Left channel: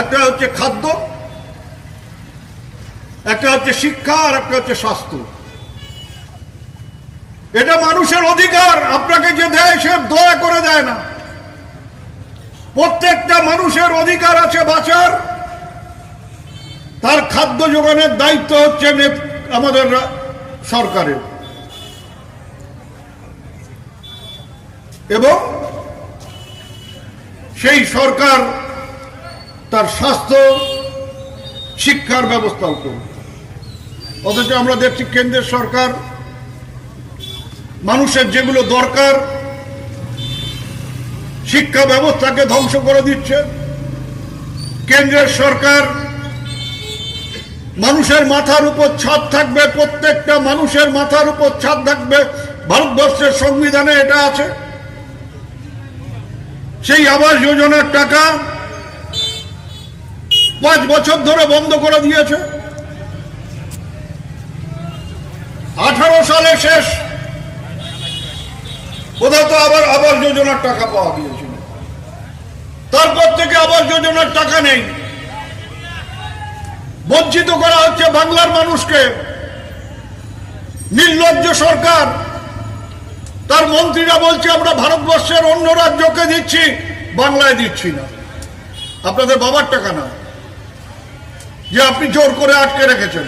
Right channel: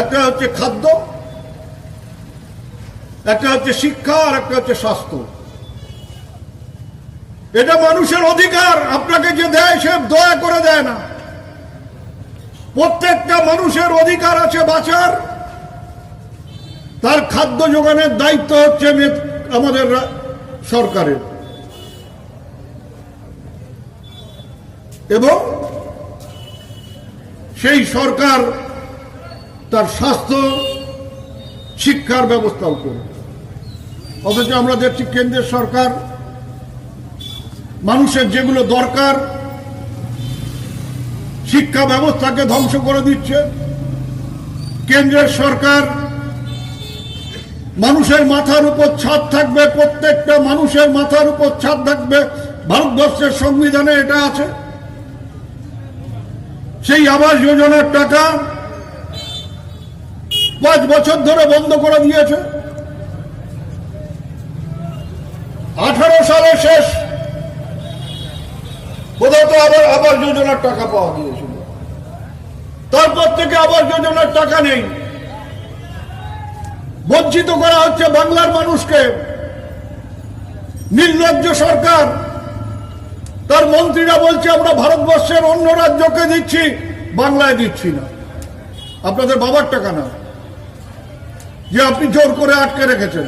একটা হচ্ছে খাদ্য, একটা হচ্ছে শিক্ষা, আর একটা হচ্ছে স্বাস্থ্য। এটা মানুষের অধিকার। আপনাকে যে দেয় সে দয়া করে দেয় না। প্রত্যেকটা মানুষের অধিকার আছে বাঁচার। তার খাদ্য যোগানের দায়িত্ব হচ্ছে আমাদের সরকারের, এবং সেই সরকার তার স্বাস্থ্য শিক্ষার ব্যবস্থাও করবে। অথচ আমরা দেখছি কেন্দ্রের সরকার মানুষের যেগুলো দরকার শিক্ষা ব্যবস্থাকে ধ্বংস করে দিচ্ছে। কেন্দ্রের সরকার মানুষের মাথার উপর ছাদ থাকবে, প্রত্যেকটা মানুষের মাথার উপর ছাদ থাকবে, ভারতবর্ষের সংবিধানে এটা আছে। সেই আবাস যোজনার টাকা 5 বছর ধরে বন্ধ করে দিয়েছে। 18 সালে শেষ কোথাও তো আবার আবাস যোজনার টাকা পাওয়া গিয়েছিল। তারপর থেকে আবাস যোজনার টাকা নেই। বঞ্চিত করা হচ্ছে বাংলার মানুষকে। নির্লজ্জ সরকার, তার মন্ত্রীরা বলছে আমরা ভারতবর্ষের অন্য রাজ্যকে দিচ্ছি, বাংলায় দিচ্ছি না। আপনাদের বাবার টাকা না যে আপনি জোর করে আটকে রেখেছেন।